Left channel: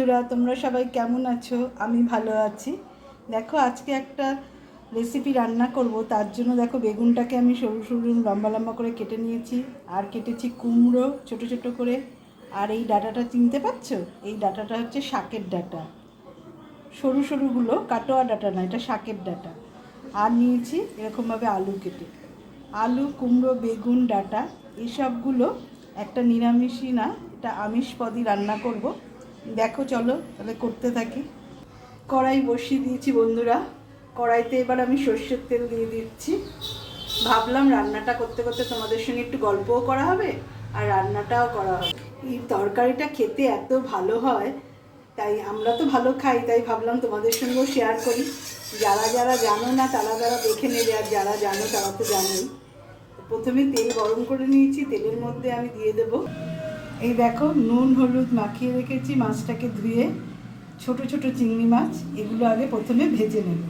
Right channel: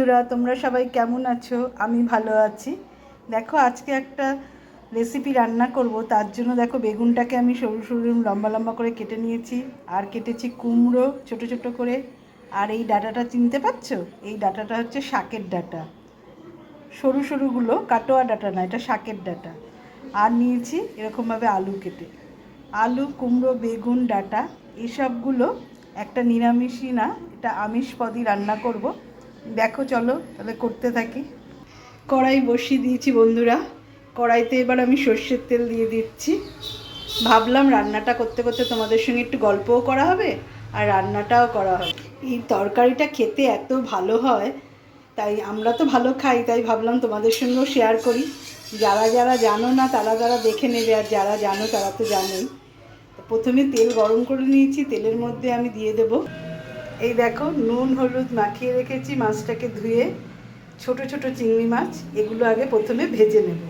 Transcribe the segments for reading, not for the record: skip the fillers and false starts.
বন্ধুরা, তোমরা সবাই কেমন আছো? আমি ভালো আছি। দেখো, আজকে একটা রেসিপি রান্না করব। তার জন্য দেখো, বেগুনটাকে আমি সরু সরু লম্বা লম্বা করে কেটে নিয়েছি, আর কেটেছি কুমড়ো ছোট ছোট করে। আর এই ডাঁটাটা চিনতে পারছো? এই ডাঁটাটা হচ্ছে শাকের ডাঁটা, সরু সরুগুলো, কাটোয়া ডাঁটা না, এটা শাকের ডাঁটা। আর নিয়েছি এরকমভাবে আলু কেটে। আলু, কুমড়ো, বেগুন, ডাঁটা এইসবগুলো একটা নিরামিষই না, এটা আমিষ পদই রান্না করব। দেখো, চলো তাহলে করতে থাকি। কড়াই বসিয়ে দিয়েছি বন্ধুরা। কড়াইতে এবার আমি সর্ষের তেল দিয়ে দিচ্ছি। ভাবলাম রান্নাটা করতে করতে তোমাদের সঙ্গে একটু গল্পও করা হবে আর রান্নাটাও করা হবে। এই তরকারিটা খেতে এত ভালো হয়, তাই আমরা তো ভালো খাই, তাই ভাবলাম তোমাদের সঙ্গেও শেয়ার করি। যারা যারা জানো না তারা যারা দেখে নেবে, আর যারা জানো তারা তো জানেই। প্রথমে তেল গরম করে নিয়েছি, তেলের মধ্যে আমি দিয়ে দেব এই দেখো, নুন হলুদ মাখিয়ে রেখেছি মাছটাকে ধুয়ে, ছোট ছোট চিংড়ি মাছ। এগুলো আগে প্রথমে ভেজে নেব।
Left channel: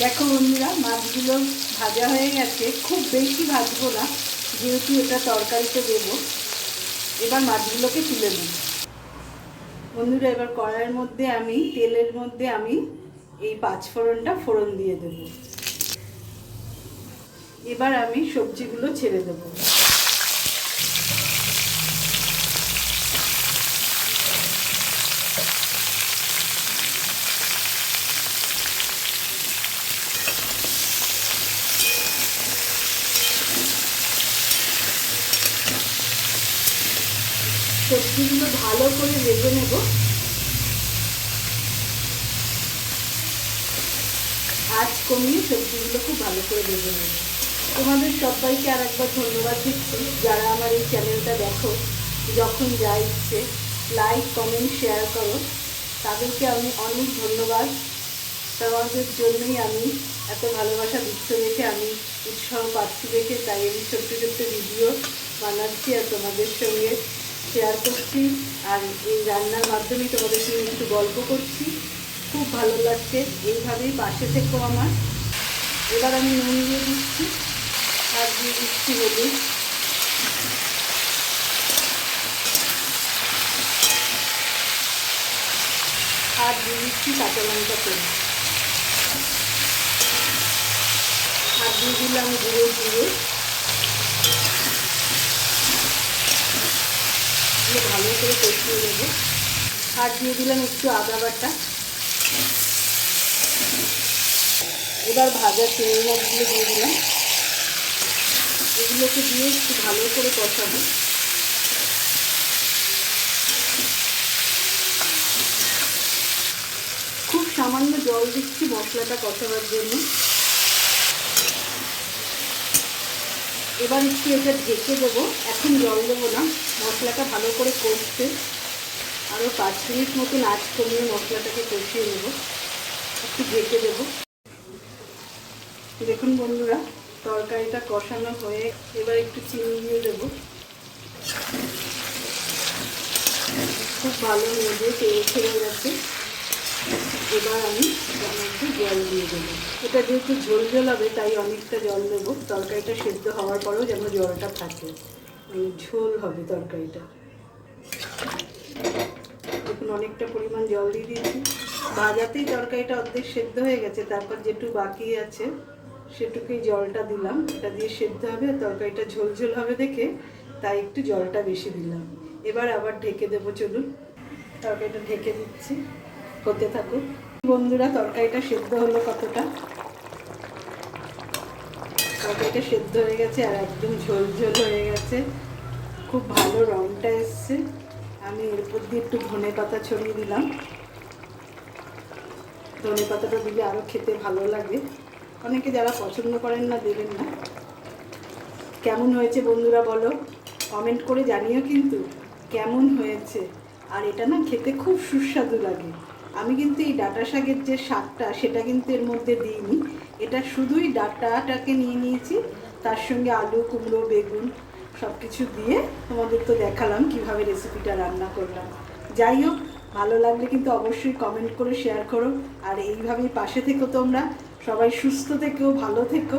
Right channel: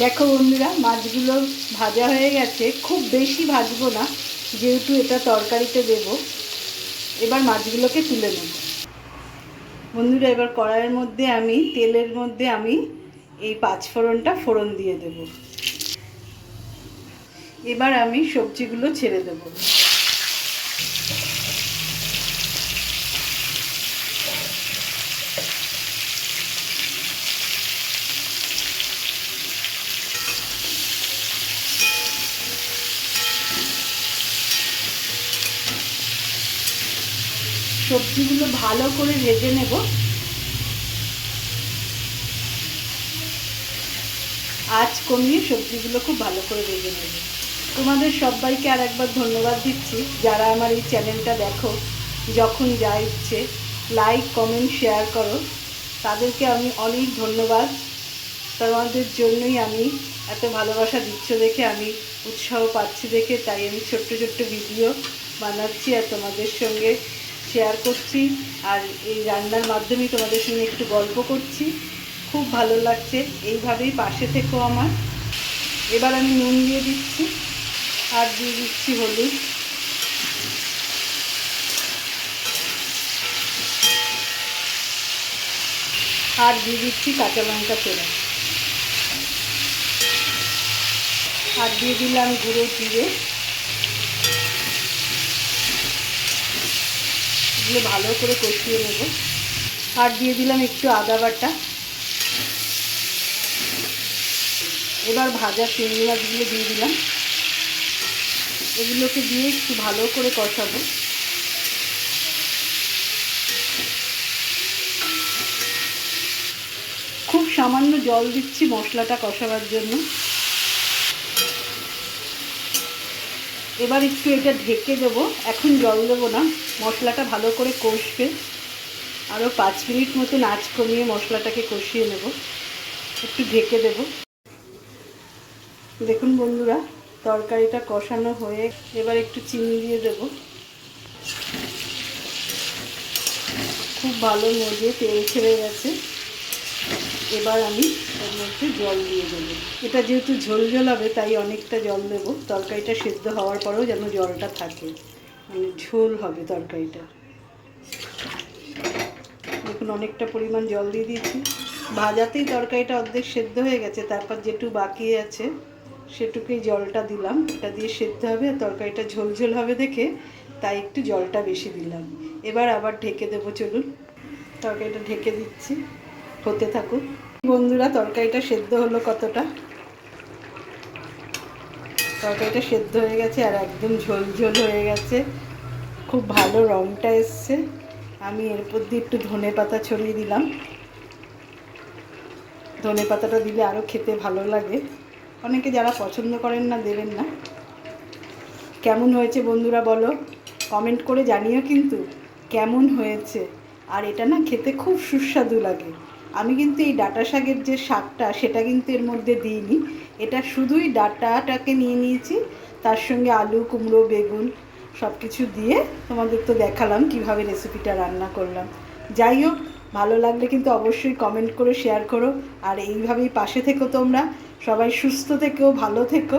দেখো বন্ধুরা, মাছগুলো ভাজা হয়ে গেছে। খুব বেশি ভাজবো না, যেহেতু এটা তরকারিতে দেব। এবার মাছগুলোকে তুলে নেব বন্ধুরা। এবার কড়াইয়ের মধ্যে আমি, তেলের মধ্যে আমি এই পাঁচফোড়নটা ফোড়ন দিয়ে দেব। এবার আমি সবজিগুলো ছেড়ে দেবো। সবজিগুলো ভালো করে ভেজে নেব। আঁচ কমিয়ে সবজিগুলো খুব ভালো করে ভেজে নেব। তোমাদের সবাইকে আর একবার ধন্যবাদ দিচ্ছি, যারা আমার এই চ্যানেলটা দেখো। যখন যা ইচ্ছে লাইক কমেন্ট শেয়ার করো, তাদেরকে আমি অনেক ধন্যবাদ। তোমাদের জন্যই আমি এত ভালোবাসা দিচ্ছ দেখে, আমি উৎসাহ পাচ্ছি দেখে, তাই আমি ছোট্ট ছোট্ট ভিডিও বানাচ্ছি আর তোমাদের সঙ্গে শেয়ার করছি। আর এই রান্নার মাধ্যমেই তোমাদের সঙ্গে একটু গল্প করছি। খুব ভালো লাগছে। এইভাবেই পাশে থেকো আমার। এবার আমি নুন দিয়ে দিচ্ছি, আর দিয়ে দিচ্ছি হলুদ। আর দিয়ে দিচ্ছি কাঁচা লঙ্কা তেল। আর দিয়ে দিলাম গুঁড়ো জিরে। দিয়ে ভালো করে কষিয়ে নেব। আর দিয়ে দিলাম একটু আদা বাটা। এবার ভাজা চিংড়ি মাছগুলো দিয়ে দিলাম। এগুলোকে দিয়ে একটু ভালো করে কষাবো। খুব সামান্য জল দিচ্ছি মশলাটা কষাবার জন্য। এবার একটু এটা ঢেকে দেবো। এখন জল দেবো না, মশলাটা ভালো করে কষবে। আরও 5 মিনিট মতন আঁচ কমিয়ে মশলাটাকে কষিয়ে নেব। একটু ঢেকে দেব। দেখুন বন্ধুরা, তরকারিটা কষানো হয়ে এবার একটু চিনি দিয়ে দেব। খুব ভালো নেড়ে তেল ছেড়ে গেছে। এবার আমি একটু জল দিয়ে দেবো। এটা যেহেতু ঝোল ঝোল হবে, তাই অনেকটা জল দেবো। তরকারিটা সেদ্ধ হওয়ার পরেও যেন জলটা থাকে, মানে ঝোল হবে তরকারিটা। দেখুন, অনেকটা পরিমাণ জল দিয়ে দিয়েছি। ভাজাতেই তরকারিটা অর্ধেক সেদ্ধ হয়ে গেছে, তারপর যেটুকু বাকি আছে সেটুকুই জলটা দিলাম। এটা দিয়ে সেদ্ধ হবে আর তরকারিটা ঝোল ঝোল হবে দেখে, তাই একটু জলটা বেশি দিলাম। এবার আবার ঢেকে দেবো। চলুন, তরকারিটা ঢেকে দিচ্ছি, হতে থাকুক। বন্ধুরা, তরকারিটা সেদ্ধ হলো কতটা। তরকারিটা সেদ্ধ হয়ে গেছে আর একদম ঝোল ঝোল হয়ে গেছে। খুব ভালো রঙটা এসছে। আমি এরপর দিয়ে একটু ধনে পাতা ছড়িয়ে দিলাম। ধনে পাতাটা দিলে আরও খেতে ভালো লাগে। অনেকে যারা পছন্দ করেন না, দেবেন না। কেমন হয়েছে বন্ধুরা বলো, কমেন্ট করে জানিও কিন্তু কেমন হয়েছে। আর এটা না খেতে খুব সুস্বাদু লাগে। আমি কিন্তু এই ডাঁটা শাকের যে শাকটা, সেটা কিন্তু এর মধ্যে দিইনি। এটা শুধুই ডাঁটাটাকে নিয়ে নিয়েছি, তার সঙ্গে আলু, কুমড়ো, বেগুন সব কিছু দিয়ে তোমাদের তো দেখালাম কিভাবে রেসিপিটা রান্না করলাম। যাই হোক, ভালো লাগলে কিন্তু অবশ্যই কমেন্ট করে শেয়ার করো। আর এইভাবেই পাশে থেকো তোমরা, সবাই সুস্থ থেকো, ভালো থেকো।